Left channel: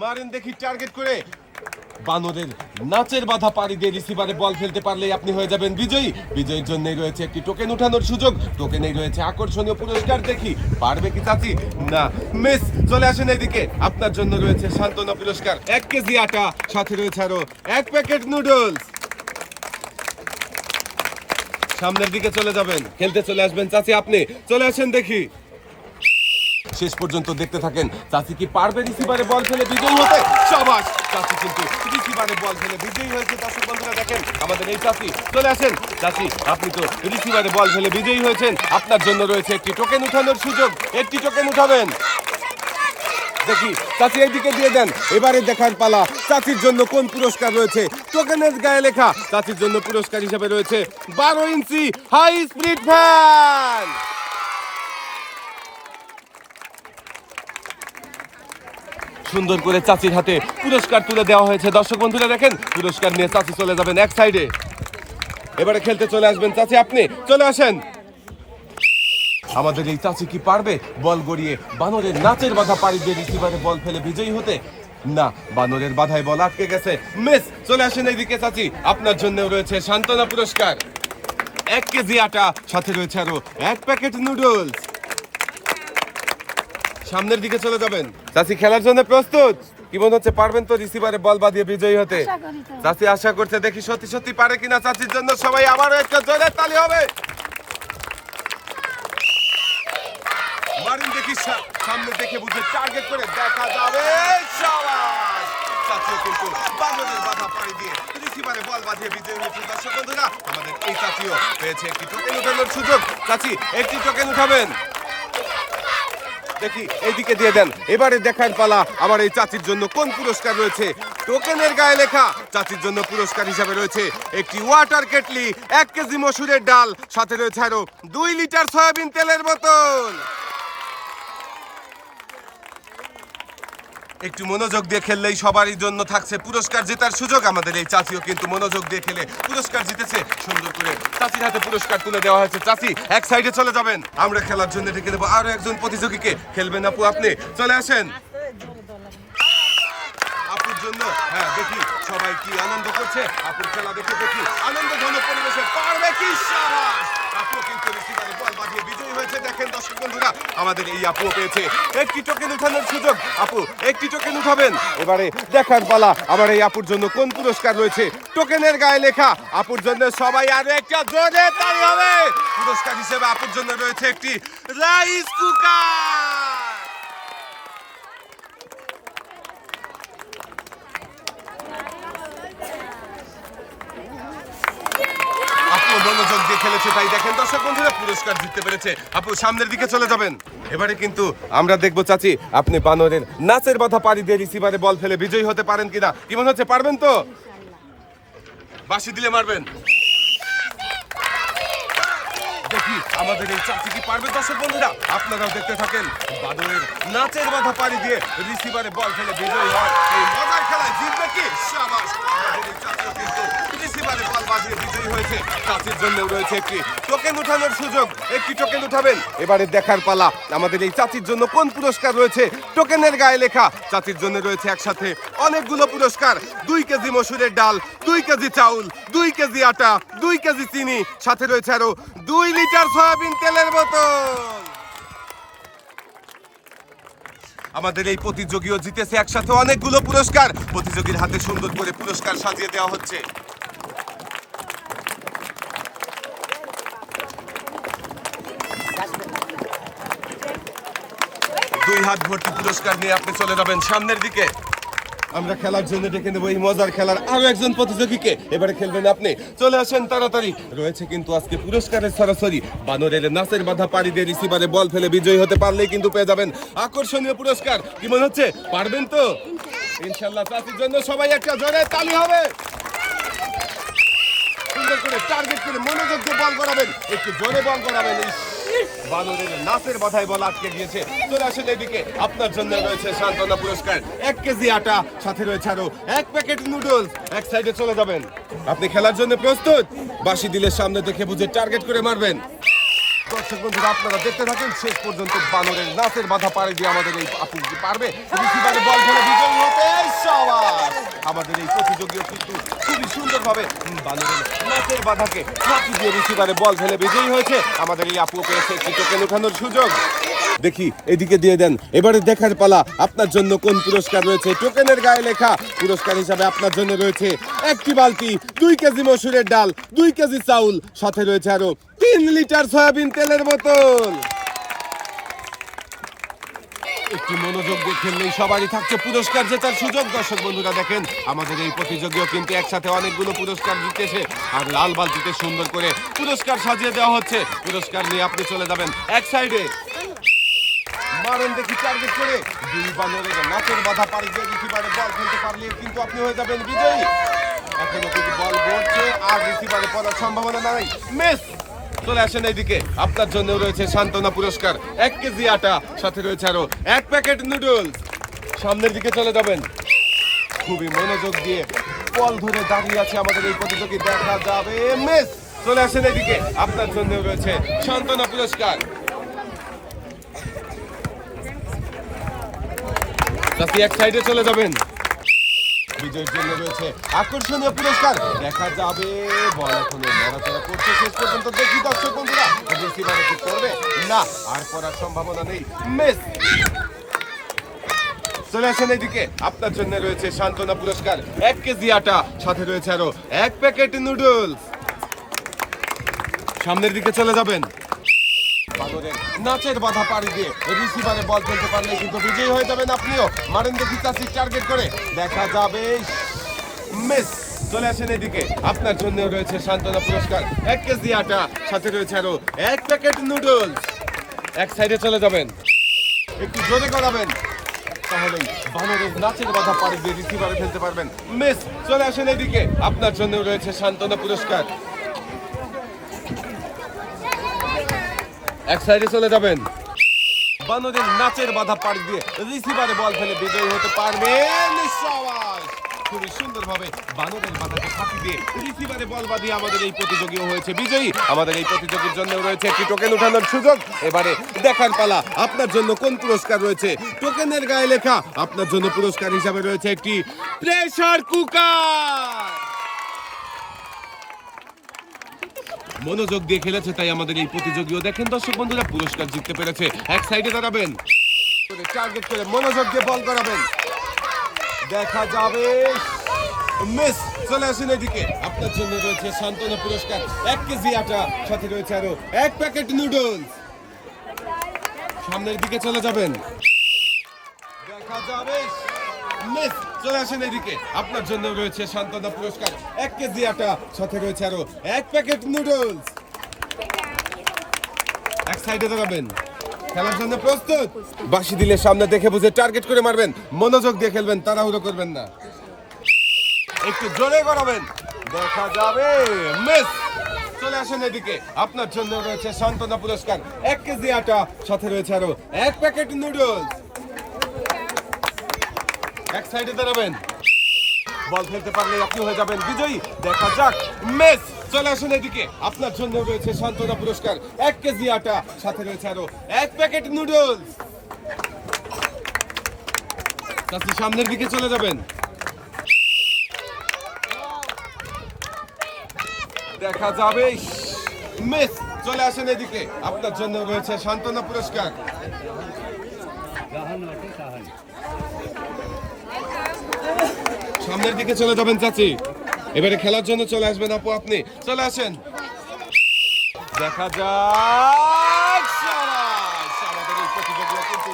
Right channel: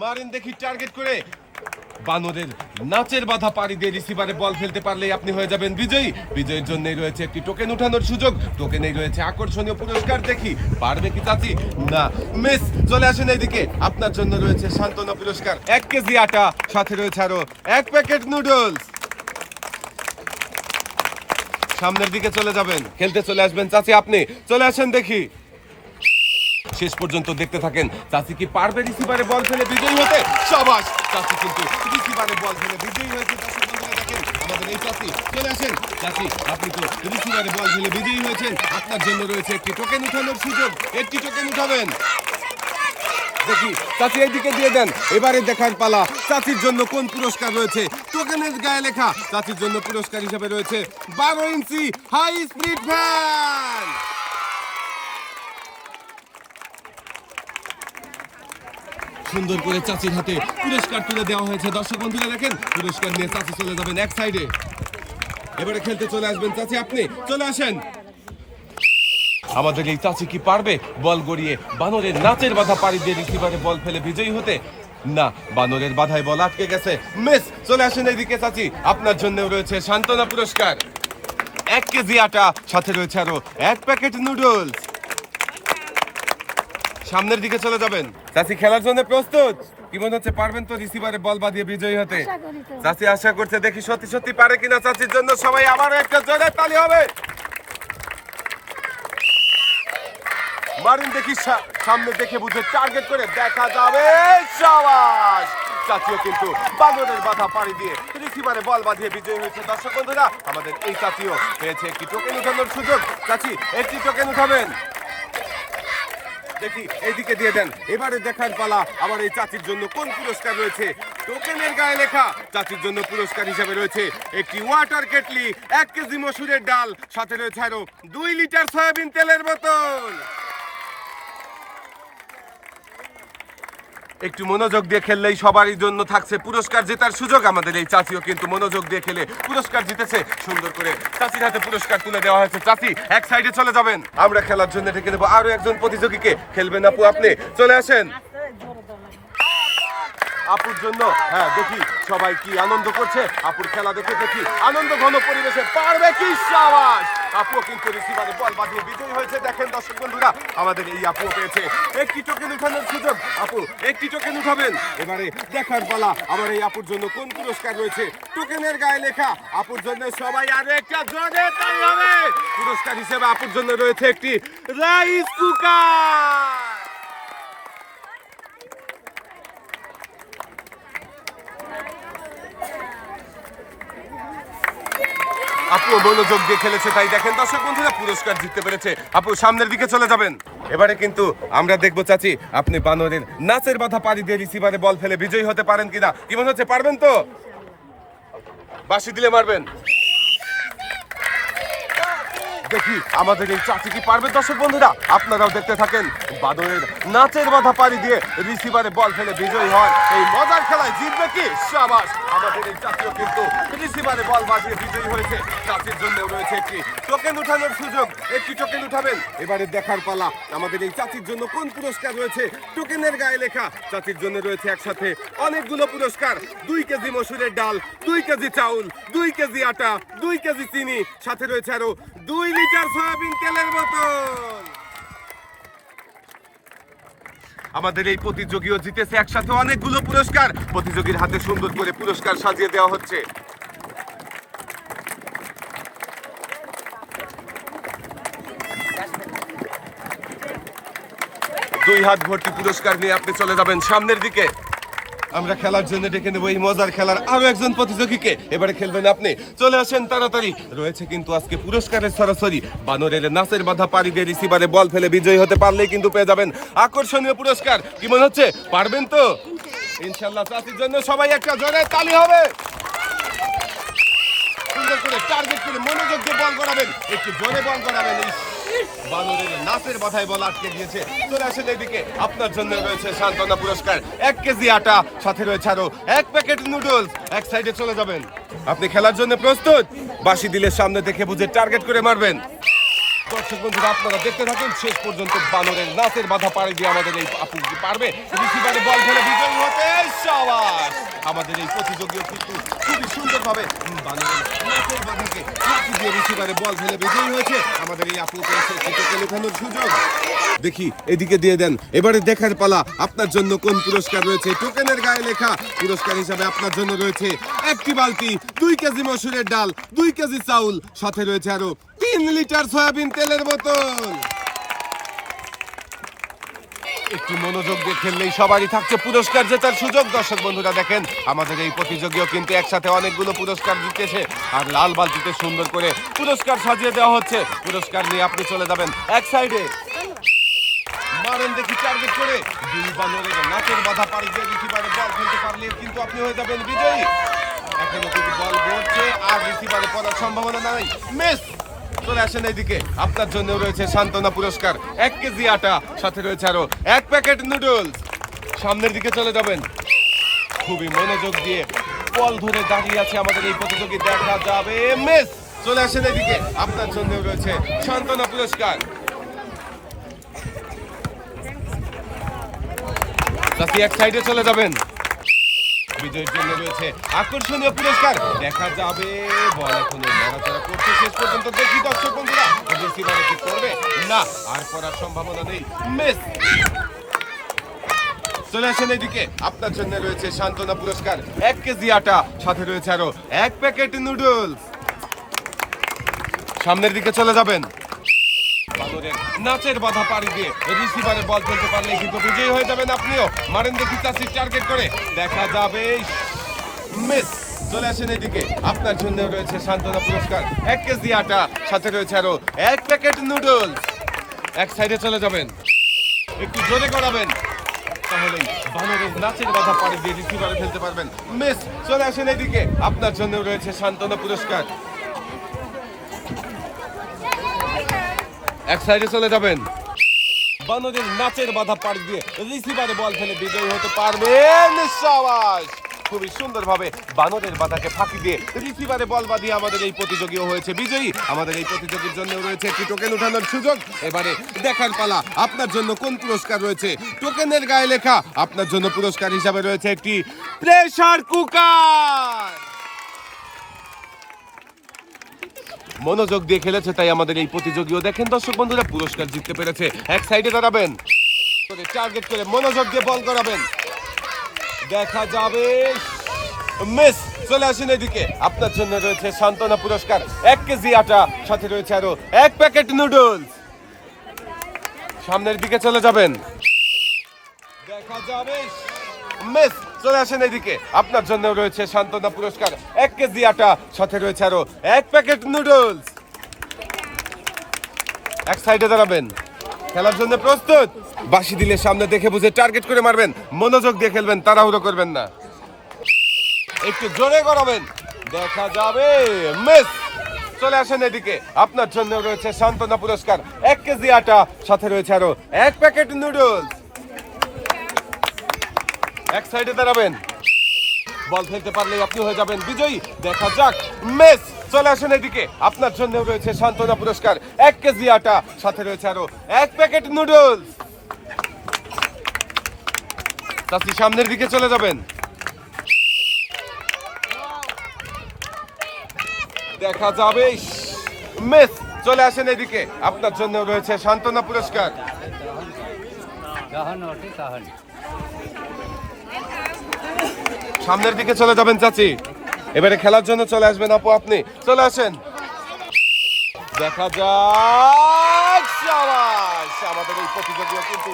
মারেন দেখি টার্গেট করে। বানরের নাচের বাধা পাড়ি দিয়ে রিসিভারে বল ফেলতে পারলেই আপনি হয়ে যাবেন বিজয়ী। বিজয়ের জন্যই রয়েছে একটি টোকেন উঠানোর সুযোগ। টোকেনেই রয়েছে আকর্ষণীয় পুরস্কার। দেখি, পারবে কি চাচি? না মিস চলে আসেন এইদিকে। আপনার জন্য রয়েছে সান্ত্বনা পুরস্কার। এক কেজি আটা, সাথে রয়েছে আরও এক প্যাকেট নুডলস সামনের দিকে চলে যাবেন। খেলতে চলে আসবেন চাচি আপনি। চলে আসেন দেখি। শেষ পর্যন্ত দেখতে থাকেন। চাচি কি পারবে রিসিভারে বল ফেলে বিজয়ী হতে? সবাস! চাচি কিন্তু রিসিভারে বল ফেলে বিজয়ী হয়েছে। দর্শক বন্ধুরা দেখেন, আমাদের এই চাচি চলে আসেন। চাচি, আপনি তো রিসিভারে বল ফেলে বিজয়ী হয়েছেন। আপনার জন্য রয়েছে একটি টোকেন উঠানোর সুযোগ। একটি টোকেন উঠাবেন। দেখি, চাচি এইদিকে দিয়ে দেন। এবারে দেখার পালা, চাচির জন্য কোন পুরস্কার রয়েছে? টোকেনের গায়ে লেখা, চাচির জন্য পুরস্কার হিসেবে রয়েছে বারো ইঞ্চি হাই স্পিড ফ্যান সুন্দর করে চাচির হাতে পুরস্কার তুলে দেওয়া হয়েছে। দর্শক বন্ধুরা দেখেন, পুরস্কার নিয়ে চাচি চলে যাবেন এক সাইডে এবারে খেলতে চলে আসবেন চাচি, আপনি চলে আসেন। আমাদের এই চাচি কি পারবে? বল গড়িয়ে বানরের নাচের বাধা পাড়ি দিয়ে রিসিভারে বল ফেলে বিজয়ী হতে? না, বানরের বাধায় বল আটকে গেছে। মিস, চলে আসেন এইদিকে চাচি। আপনার জন্য রয়েছে সান্ত্বনা পুরস্কার। এক কেজি আটা, সাথে রয়েছে আরও এক প্যাকেট নুডলস। সামনের দিকে চলে যাবেন। চাচি খেলার জন্য প্রস্তুত? কি মনে হচ্ছে পারবেন তো রিসিভারে বল বাঁধিয়ে বিজয়ী হতে। চাচি আশা করছে দেখি সত্যি সত্যি পারে কিনা চাচির জন্য সবাই আবারও একটা জোরে তালি হবে। মারুন দেখি সামনে দেখে বুঝে টার্গেট করে দেখা যাবে। শাবাশ চাচিও কিন্তু বাংলাদেশ বাধা পাড়ি দিয়ে রিসিভারে বল বাঁধিয়ে বিজয়ী হয়েছে। দর্শক বন্ধুরা আমাদের এই চাচিও পেয়েছে একটি টোকেন উঠানোর সুযোগ। চাচি একটি টোকেন উঠাবেন। দেখি, এইদিকে দিয়ে দেন। এবারে দেখার পালা আমার এই চাচির জন্য কোন পুরস্কার রয়েছে? টোকেনের গায়ে লেখা, চাচির জন্য পুরস্কার হিসাবে রয়েছে একটি ওয়াটার কেটলি, এক কেজি মসুরের ডাল, সাথে রয়েছে আরও দুই লিটার সয়াবিন তেলের বোতল। একটু মনোযোগ দিয়ে খেললেই সবারই জন্য থাকছে পুরস্কার জেতার সুযোগ আমাদের এই চাচিও কিন্তু মনোযোগ দিয়ে খেলে পুরস্কার জিতেছে। সুন্দর করে চাচির হাতে পুরস্কার তুলে দেওয়া হয়েছে। চাচি, এক সাইডে চলে যাবেন। আমরা খেলার জন্য ডেকে নেব আরও একজন প্রতিযোগীকে খেলবেন আপু আপনি। চলে আসেন। জন্য। হ্যাঁ দেখি সবাই কি আনন্দ করছে। আপুর খেলা দেখে দেখি আনন্দ ঘন পরিবেশে পারবে কি সাবাস আপু কিন্তু রিসিভারে বল বাঁধিয়ে বিজয়ী হয়েছে। দেখেন দর্শক বন্ধুরা, আমাদের এই আপু পেয়েছে। একটি টোকেন উঠানোর সুযোগ। আপু, একটি টোকেন উঠাবেন। এবারে দেখার পালা। আমার এই আপুর জন্য কোন পুরস্কার রয়েছে? টোকেনের গায়ে লেখা। আপুর জন্য সবাই আর একটা জোরে তাই হবে। পুরস্কার হিসেবে আপুর জন্য রয়েছে একটি রাইস কুকার। মনোযোগ দিয়ে খেলেছে তাই দেখেন। দর্শক বন্ধুরা, পুরস্কার জিততে পেরেছে। আপু, সামনের দিকে চলে যাবেন। এবারে কিন্তু আমরা দেখব, চাচি, আপনি বানরের নাচের বাধা পাড়ি দিয়ে রিসিভারে বল ফেলে বিজয়ী হতে পারেন কিনা? কি মনে হচ্ছে, পারবেন তো? বাসি দিলে মারবেন। দেখি আমাদের এই চাচি কি পারবে? দর্শক বন্ধুরা, আপনারাও দেখতে থাকেন বাদরের নাচের বাধা পাড়ি দিয়ে রিসিভারে বল ফেলে বিজয়ী হয়। এই মজার খেলায় জিতবে কি? সাবাস। আমাদের এই চাচিও কিন্তু রিসিভারে বল বাজিয়ে বিজয়ী হয়েছে। চাচির জন্য রয়েছে একটি টোকেন উঠানোর সুযোগ। একটি টোকেন উঠাবেন। এবারে দেখার পালা। আমাদের এই চাচির জন্য কোন পুরস্কার রয়েছে? টোকেনের গায়ে লেখা। চাচির জন্য রয়েছে একসাথে অনেকগুলো পুরস্কার। দুই কেজি মসুরের ডাল, দুই কেজি চাউল, দুই কেজি আটা, দুই কেজি চিনি। সাথে রয়েছে আরও দুই লিটার সয়াবিন তেলের বোতল। আমাদের এই প্রতিযোগীও জিতেছে একসাথে অনেকগুলো পুরস্কার। প্রতিযোগীর হাতে সুন্দর করে পুরস্কার সাজিয়ে দেওয়া হচ্ছে। দুই হাত ভর্তি পুরস্কার নিয়ে আপনি চলে যাবেন সামনের দিকে। আমরা খেলার জন্য ডেকে নেব, এই মজার খেলার আরও একজন প্রতিযোগীকে। এবারে খেলবেন আপনি। চলে আসেন তাড়াতাড়ি। রয়েছে কিন্তু আজকে পুরস্কারের সরাসরি। বানরের নাচের বাধা পাড়ি দিয়ে রিসিভারে বল ফেলে বিজয়ী হতে পারলেই কিন্তু পেয়ে যাবেন আকর্ষণীয় পুরস্কার। কি মনে হচ্ছে? পারবেন তো? ইনশাল্লাহ চাষির জন্য সবাই একটা জোরে তালি হবে। সুন্দর করে টার্গেট করে মনোযোগ বল করাবেন। একটু জোরে বল করাবেন। চলে এদিকে। আপনার জন্য রয়েছে পুরস্কার। এক কেজি আটা, সাথে রয়েছে আরও এক প্যাকেট নুডলস। এক সাইডে চলে যাবেন। আপনি খেলার জন্য প্রস্তুত? বাসি দিলে সামনে দেখে বুঝে টার্গেট করে মারবেন। দর্শক বন্ধুরা, আপনারা দেখতে থাকুন, শেষ পর্যন্ত বানরের নাচের বাধা পাড়ে দিয়ে আমাদের এই আপু পারবে বল আমাদের এই প্রতিযোগীও কিন্তু খুবই সুন্দরভাবে বানরের নাচের বাধাকে দিয়ে রিসিভারে বল ফেলে বিজয়ী হয়েছে। আমাদের এই আপু পেয়েছে টোকেন উঠানোর সুযোগ। দেখি, এদিকে দিয়ে দেন। এবারে দেখার পালা, আপনার জন্য কোন পুরস্কার রয়েছে? টোকেনের গায়ে লেখা, পুরস্কার হিসাবে আপনার জন্য রয়েছে একটি বালতি, দুই কেজি মসুরের ডাল, দুই কেজি চাউল, সাথে রয়েছে আরও তিন লিটার সয়াবিন তেলের বোতল। একটু মনোযোগ সবারই থাকছে পুরস্কার জেতার সুযোগ। দর্শক বন্ধুরা, দেখেন, আমাদের এই প্রতিযোগীও কিন্তু একসাথে অনেকগুলো পুরস্কার জিতেছে। আর লাল বালতিতে সুন্দর করে পুরস্কার সাজিয়ে দেওয়া হচ্ছে। পুরস্কার নিয়ে আপনি চলে যাবেন এক সাইডে মারেন দেখি টার্গেট করে। দুই বানরের নাচের বাধা পাড়ি দিয়ে রিসিভারে বল খেলতে পারলে কিন্তু আপনি হয়ে যাবেন বিজয়ী। এখনও কিন্তু বল পড়ছে আর রিসিভারে পড়ার সম্ভাবনা নাই। মিস, চলে আসেন এইদিকে। আপনার জন্য রয়েছে সান্ত্বনা পুরস্কার। এক কেজি আটা, সাথে রয়েছে আরও এক প্যাকেট নুডলস সামনের দিকে চলে যাবেন। খুবই মনোযোগ দিয়ে বল ধরে দাঁড়িয়ে আছে আমাদের এই প্রতিযোগী। দেখা যাবে, মিস, চলে আসেন এদিকে আপনার জন্য রয়েছে সান্ত্বনা পুরস্কার। চাচি এক সাইডে চলে যাবেন। বিজয়ের জন্য রয়েছে আকর্ষণীয় পুরস্কার। দেখা যাবে, বল এখনও নড়াচড়া করছে, শেষ পর্যন্ত দেখি দর্শক বন্ধুরা রিসিভারে কি করবে। না, আর করার সম্ভাবনা নেই। মিস! চলে আসেন এদিকে আপনার জন্য রয়েছে সান্ত্বনা পুরস্কার। এক কেজি আটা, সাথে রয়েছে আরও এক প্যাকেট নুডলস। সামনের দিকে চলে যাবেন। নাচের বাধা পাড়ি দিয়ে রিসিভারে বল খেলতে পারলে কিন্তু বিজয়ী হয়ে যাবেন আপনিও। মারেন দেখি চাষি টার্গেট করে। দেখা যাবে মিস চলে আসেন এদিকে। আপনার জন্য রয়েছে সান্ত্বনা পুরস্কার। এক কেজি আটা, সাথে রয়েছে আরও এক প্যাকেট নুডলস। এক সাইডে চলে যাবেন। একটু জোরে করাবেন তাহলেই বানরের নাচের বাধা পাড়ি দিয়ে রিসিভারে খেলতে পারবেন। মিস চলে আসেন এদিকে। আপনার জন্য রয়েছে সান্ত্বনা পুরস্কার। এক সাইডে চলে যাবেন। বানরের নাচের বাধা পাড়ি দিয়ে রিসিভারে বল ফেলে বিজয়ী হতে পারবেন সবাই খুবই সুন্দরভাবে বানরের বাধাকে ফাঁকি দিয়ে রিসিভারে বল বাঁধিয়ে আমাদের এই প্রতিযোগীও হয়েছে। বিজয়ী, আমাদের এই প্রতিযোগীর জন্য রয়েছে একটি টোকেন উঠানোর সুযোগ। এবারে দেখার পালা, আপনার জন্য কোন পুরস্কার রয়েছে? টোকেনের গায়ে লেখা, আপনার জন্য পুরস্কার হিসাবে রয়েছে একটি প্রেসার কুকার মনোযোগ দিয়ে খেলেছে, তাই আমাদের এই প্রতিযোগীও দেখেন। দর্শক বন্ধুরা, পুরস্কার জিততে পেরেছে। এক সাইডে দাঁড়াবেন। টার্গেট করে মনোযোগ দিয়ে বল করাবেন। দেখা যাবে। মিস, চলে আসেন এদিকে। আপনার জন্য রয়েছে সান্ত্বনা পুরস্কার। এক কেজি আটা, সাথে রয়েছে আরও এক প্যাকেট নুডলস সামনের দিকে চলে যাবেন। দেখা যাবে। মিস, চলে আসেন এদিকে। আপনার জন্য রয়েছে সান্ত্বনা পুরস্কার। এক কেজি আটা, সাথে রয়েছে আরও এক প্যাকেট নুডলস। এক সাইডে দাঁড়াবেন। খেলার জন্য প্রস্তুত? বাসি দিলে সামনে দেখে বুঝে টার্গেট করে মারবেন। মনোযোগ দিয়ে খেলবেন, তাড়াহুড়ো করবেন না। একটু জোরে করাবেন দেখা যাবে। মিস, চলে আসেন এদিকে। আপনার জন্য রয়েছে সান্ত্বনা পুরস্কার। এক কেজি আটা, সাথে রয়েছে আরও এক প্যাকেট নুডলস। এক সাইডে দাঁড়াবেন। বল ফেলতে পারলে আপনি হয়ে যাবেন বিজয়ী। দেখা যাক, মেস, চলে আসুন এদিকে। আপনার জন্য রয়েছে সান্ত্বনা পুরস্কার। এক কেজি আটা, সাথে রয়েছে আরও এক প্যাকেট নুডলস। চাষি সামনের দিকে চলে যাবেন। দেখা যাবে, মেস, চলে আসেন এদিকে। আপনার জন্য রয়েছে সান্ত্বনা পুরস্কার। সামনের দিকে চলে যাবেন চাচি। এবারে খেলার জন্য চলে আসবেন আপু আপনি। চলে আসেন। দেখা যাক! আমাদের এই প্রতিযোগিতা কিন্তু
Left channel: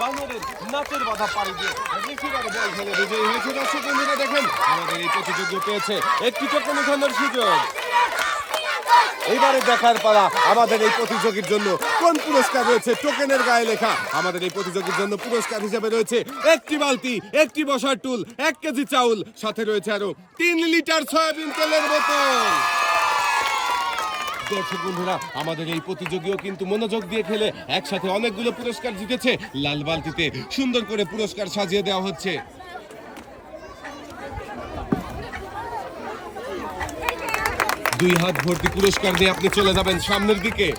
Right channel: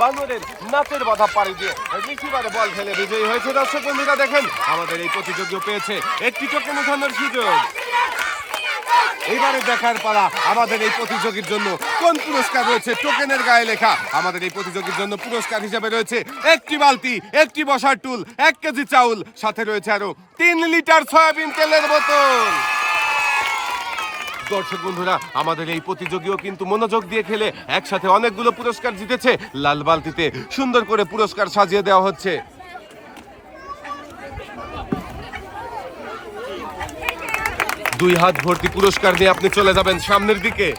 বানরের নাচের বাধা পাড়ি দিয়ে বল খেলে বিজয়ী হয়েছে। দর্শক দেখেন, আমাদের এই প্রতিযোগিতা পেয়েছে। একটি কোনো উঠানোর সুযোগ। এইবারে দেখার পালা আমাদের এই প্রতিযোগীর জন্য। কোন পুরস্কার রয়েছে? টোকেনের গায়ে লেখা। আমাদের এই প্রতিযোগীর জন্য পুরস্কার হিসেবে রয়েছে একটি বালতি, একটি বসার টুল, এক কেজি চাউল। সাথে রয়েছে আরও তিন লিটার সয়াবিন তেলের বোতল। দর্শক বন্ধুরা, আমাদের এই প্রতিযোগীও কিন্তু মনোযোগ দিয়ে খেলে একসাথে অনেকগুলো পুরস্কার জিতেছে। লাল বালতিতে সুন্দর করে পুরস্কার সাজিয়ে দেওয়া হচ্ছে। দুই হাত ভর্তি পুরস্কার দিয়ে আপনি চলে যাবেন সামনের দিকে।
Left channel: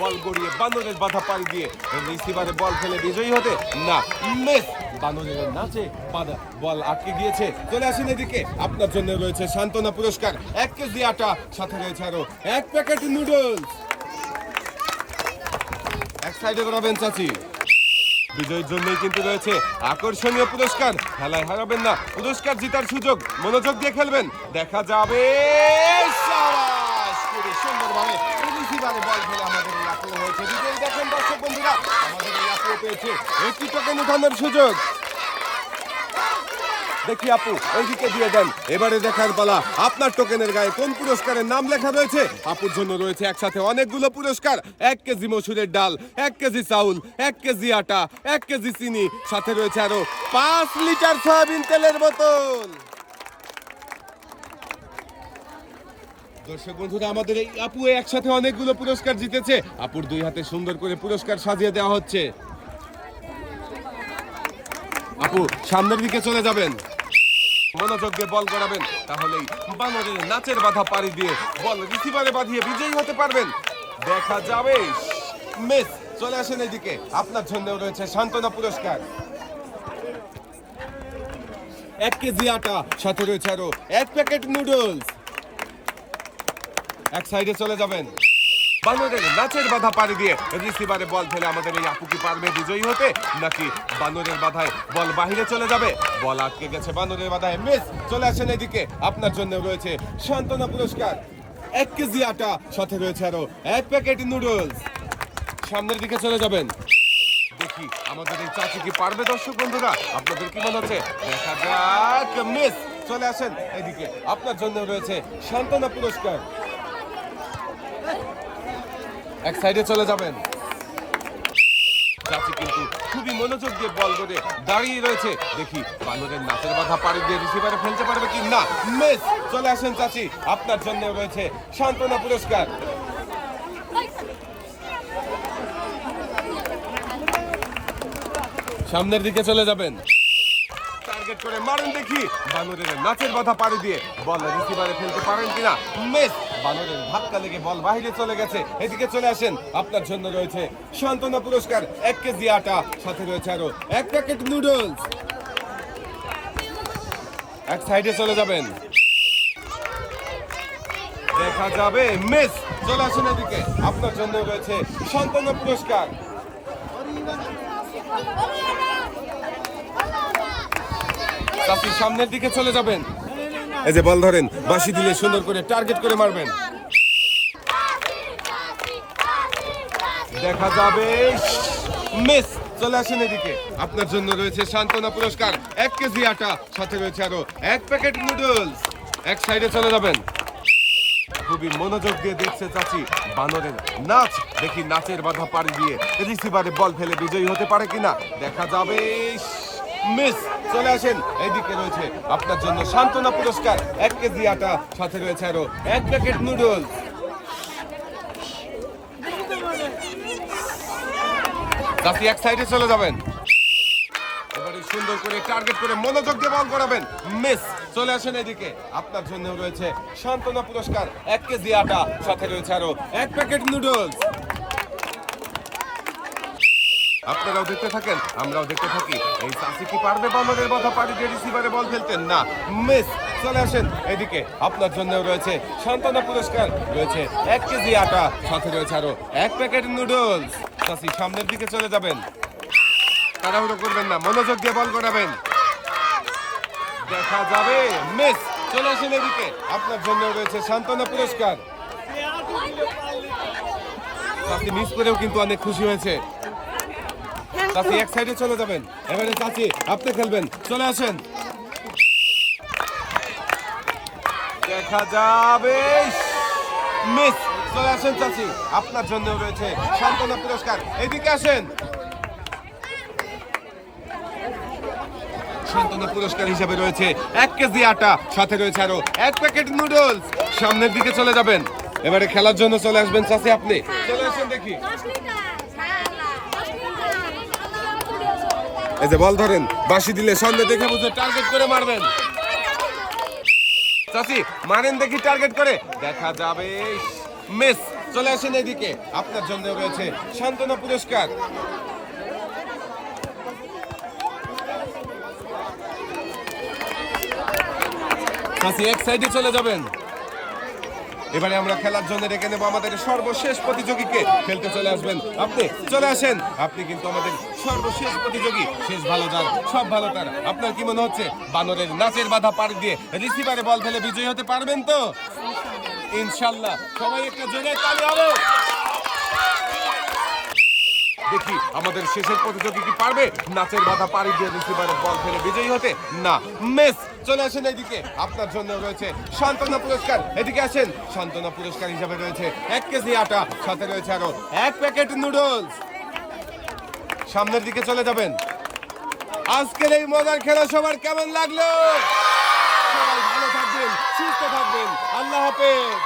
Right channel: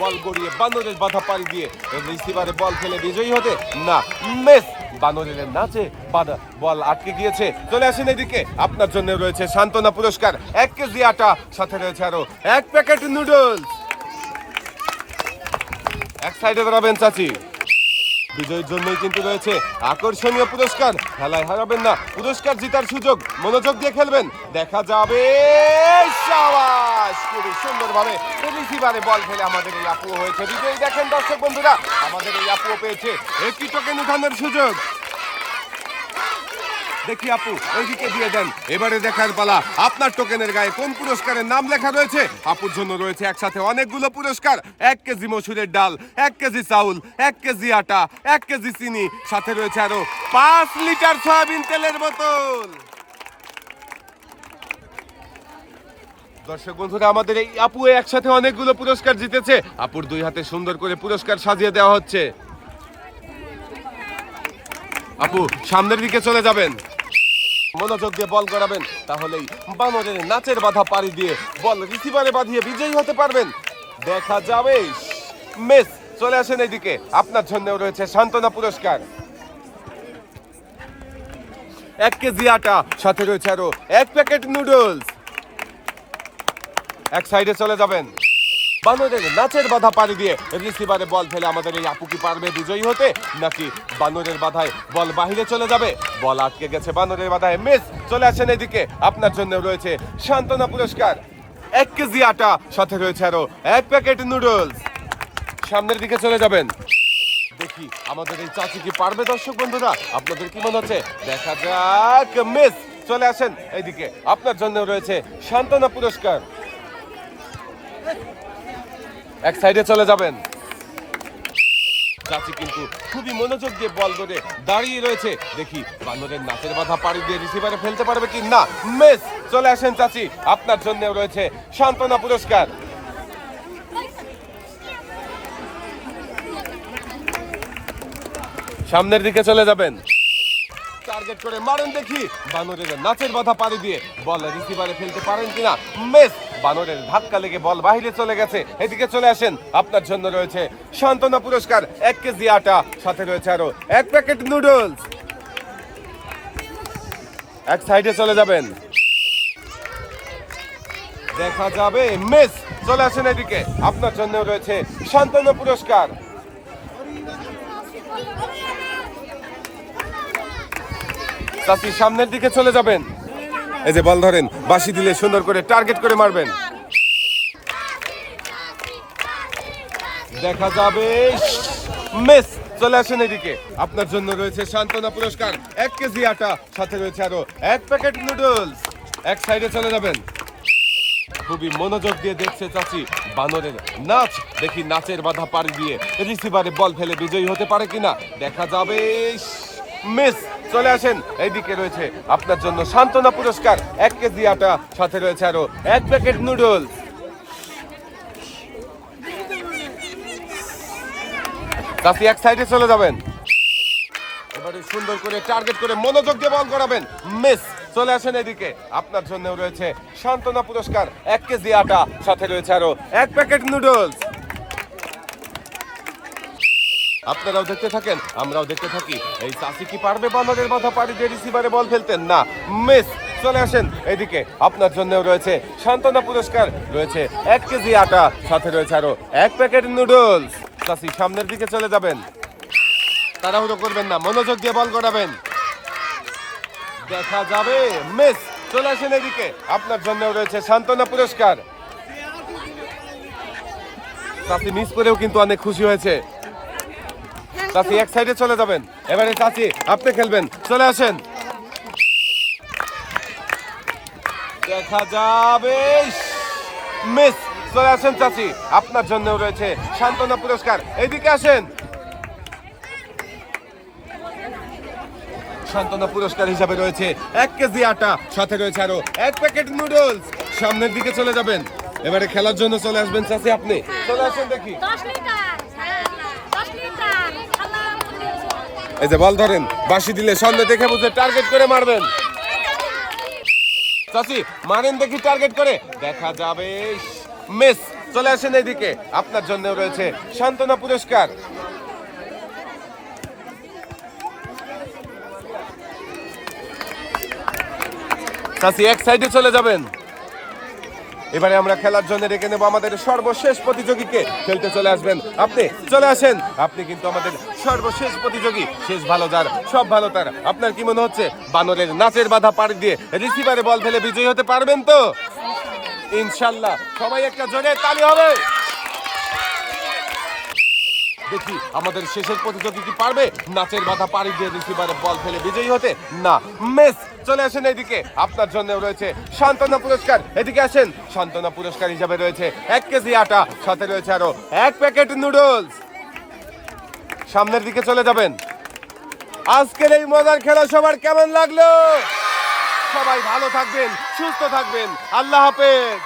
বল গড়িয়ে বানরের বাধা পাড়ি দিয়ে রিসিভারে বল ফেলে বিজয়ী হতে। না, মিস। বানরের নাচে বাধা, বল আটকে গিয়েছে। চলে আসেন এদিকে। আপনার জন্য রয়েছে সান্ত্বনা পুরস্কার। এক কেজি আটা, সাথে রয়েছে আরও এক প্যাকেট নুডলস। এক সাইডে দাঁড়াবেন চাচি। বিজয়ীর জন্যই কিন্তু রয়েছে আকর্ষণীয় পুরস্কার। খেলায় হারাবেন না। পুরস্কার জিতার সুযোগ। মনোযোগ দিয়ে খেলবেন। দেখা যাবে খুবই সুন্দরভাবে রিসিভারে বল ফেলে আমাদের এই হয়েছে। বিজয়ী দেখেন দর্শক বন্ধুরা, আমাদের এই পেয়েছে। একটি টোকেন উঠানোর সুযোগ। দেখি আপু, ওইদিকে দিয়ে দেন। এবারে দেখার পালা। আপনার টোকেনের গায়ে কোন পুরস্কারের নাম লেখা রয়েছে? আপুর জন্য রয়েছে একসাথে অনেকগুলো পুরস্কার। এক কেজি মসুরের ডাল, এক কেজি চাউল, এক কেজি আটা, এক কেজি চিনি। সাথে রয়েছে আরও পাঁচ লিটার সয়াবিন তেলের বোতল। দর্শক বন্ধুরা, আমাদের এই আপু একসাথে অনেকগুলো পুরস্কার জিতেছে। আপুর দুই হাতে সুন্দর করে পুরস্কার সাজিয়ে দেওয়া হচ্ছে। আপু, সামনের দিকে চলে যাবেন। মনোযোগ দিয়ে বল করাবেন তাহলেই বানরের নাচের বাধা পাড়ি দিয়ে বল রিসিভারে বাঁধিয়ে বিজয়ী হতে পারবেন। দেখা যাবে। মেস, চলে আসেন এদিকে। আপনার জন্য রয়েছে সান্ত্বনা পুরস্কার। এক কেজি আটা, সাথে রয়েছে আরও এক প্যাকেট নুডলস। এক সাইডে চলে যাবেন। বানরের নাচের বাধা পাড়ি দিয়ে রিসিভারে বল ফেলে আমাদের এই আপু কি পারবে বিজয়ী হতে? নাকি বানরের বাধায় বল বাহিরে চলে যাবে? বল আটকে গেছে বানরের বাধায়। মিস, চলে আসেন এদিকে। আপনার জন্য রয়েছে সান্ত্বনা পুরস্কার। এক কেজি আটা, সাথে রয়েছে আরও এক প্যাকেট নুডলস সামনের দিকে চলে যাবেন। দেখি আমাদের এই চাচি কি পারবে, দর্শক বন্ধুরা? আপনাদের কি মনে হচ্ছে? দেখা যাক। মিস, চলে আসেন এদিকে। আপনার জন্য রয়েছে সান্ত্বনা পুরস্কার। এক সাইডে চলে যাবেন। খুবই মনোযোগ দিয়ে বল করে দাঁড়িয়ে রয়েছে। দেখি বান্দরের নাচের বাধা পাড়ি দিয়ে রিসিভারে ফেলতে পারবে কি? না মিস চলে আসেন চাচি। আপনার জন্য রয়েছে সান্ত্বনা পুরস্কার। সামনের দিকে চলে যাবেন। টার্গেট করে মারেন দেখি। বানরের নাচের বাধা পাড়ি দিয়ে বল রিসিভারে ফেলতে পারেন কিনা? মিস বানরের ধাক্কা লেগে বল বাইরে চলে গেছে। এদিকে চলে আসেন। আপনার জন্য রয়েছে সান্ত্বনা পুরস্কার। এক কেজি আটা, সাথে রয়েছে আরও এক প্যাকেট নুডলস। এক সাইডে চলে যাবেন। দেখা যাবে। মিস, চলে আসেন এদিকে। আপনার জন্য রয়েছে সান্ত্বনা পুরস্কার। সামনের দিকে চলে যাবেন। এই যে বল ধরেন, বাঁশি দিলে সুন্দর করে টার্গেট করে মারবেন। দেখা যাবে, মিস, চলে আসেন এদিকে। আপনার জন্য রয়েছে সান্ত্বনা পুরস্কার, এক কেজি আটা, সাথে রয়েছে আরও এক প্যাকেট নুডলস এক সাইডে চলে যাবেন। খুবই মনোযোগ দিয়ে দেখছে চাচি, বানরের নাচ। দেখি নাচের বাধা পাড়ি দিয়ে রিসিভারে বল ফেলে বিজয়ী হতে পারে কিনা। দেখা যাবে। মিস, চলে আসেন। এইদিকে রয়েছে আপনার জন্য সান্ত্বনা পুরস্কার। এক কেজি আটা, সাথে রয়েছে আরও এক প্যাকেট নুডলস। চাচি, এক সাইডে চলে যাবেন। এবারে সুন্দর করে টার্গেট করে মনোযোগ দিয়ে বল করাবেন। মিস, চলে আসেন এদিকে আপনার জন্য রয়েছে সান্ত্বনা পুরস্কার। এক কেজি আটা, সাথে রয়েছে আরও এক প্যাকেট নুডলস। আপনারাও দেখতে থাকেন, আমরাও দেখতে থাকি। এই চাষি কি পারবে বানরের মাথা পাড়ি রিসিভারে বল ফেলতেন না মিস চলে আসেন। এদিকে আপনার জন্য রয়েছে সান্ত্বনা পুরস্কার, রয়েছে এক কেজি আটা, সাথে রয়েছে আরও এক প্যাকেট নুডলস চাষি সামনের দিকে চলে যাবেন। তাড়াহুড়ো করবেন না, মনোযোগ দিয়ে বল করাবেন দেখা যাবে মিস চলে আসেন এদিকে। আপনার জন্য রয়েছে সান্ত্বনা পুরস্কার। চাচি মিস করেও কিন্তু অনেক খুশি হয়েছে। চাচি, এক সাইডে চলে যাবেন। এবারে চাচি, আপনি খেলবেন। চলে আসেন। দেখা যাবে মিস, চলে আসেন চাচি। আপনার জন্য রয়েছে সান্ত্বনা পুরস্কার। এদিকে আসেন। সান্ত্বনা পুরস্কার হিসাবে রয়েছে এক কেজি আটা, সাথে রয়েছে আরও এক প্যাকেট নুডলস সামনের দিকে চলে যাবেন। এবারে খেলার জন্য চলে আসবেন চাচি, আপনি। চলে আসেন দেখি দশ লিটার দশ লিটার আল্লাহ এই যে বল ধরেন, বাঁশি দিলে সামনে দেখে বুঝে টার্গেট করে মারবেন। চাচি, মারেন দেখি টার্গেট করে। দেখা যাবে। মিস, চলে আসেন এদিকে আপনার জন্য রয়েছে সান্ত্বনা পুরস্কার। চাষি এক সাইডে চলে যাবেন। এবারে আমরা খেলার জন্য ডেকে নেব আমাদের সর্বশেষ প্রতিযোগীকে। খেলতে চলে আসবেন আপনি, চলে আসেন। আপনি কিন্তু আমাদের সর্বশেষ প্রতিযোগী। শেষ ভালো যার, সব ভালো তার। আপনার কি মনে হচ্ছে? বানরের নাচের বাধা পার দিয়ে রিসিভারে বল ফেলে বিজয়ী হতে পারবেন তো? ইনশাল্লাহ, সবাই একটা জোরে তালি হবে। দেখি আমাদের শেষের প্রতিযোগী কি পারবে? নাচের বাধা পাড়ি দিয়ে রিসিভারে বল ফেলে বিজয়ী হতে। না, মেস, চলে আসেন এদিকে। আপনার জন্য রয়েছে সান্ত্বনা পুরস্কার। এদিকে আসেন, সান্ত্বনা পুরস্কার হিসাবে রয়েছে এক কেজি আটা, সাথে রয়েছে আরও এক প্যাকেট নুডলস। সামনের দিকে চলে যাবেন। আজকের এই মজার খেলা সবার কেমন লাগল? সবাই ভালো থাকবেন, সুস্থ থাকবেন। আল্লাহ হাফেজ।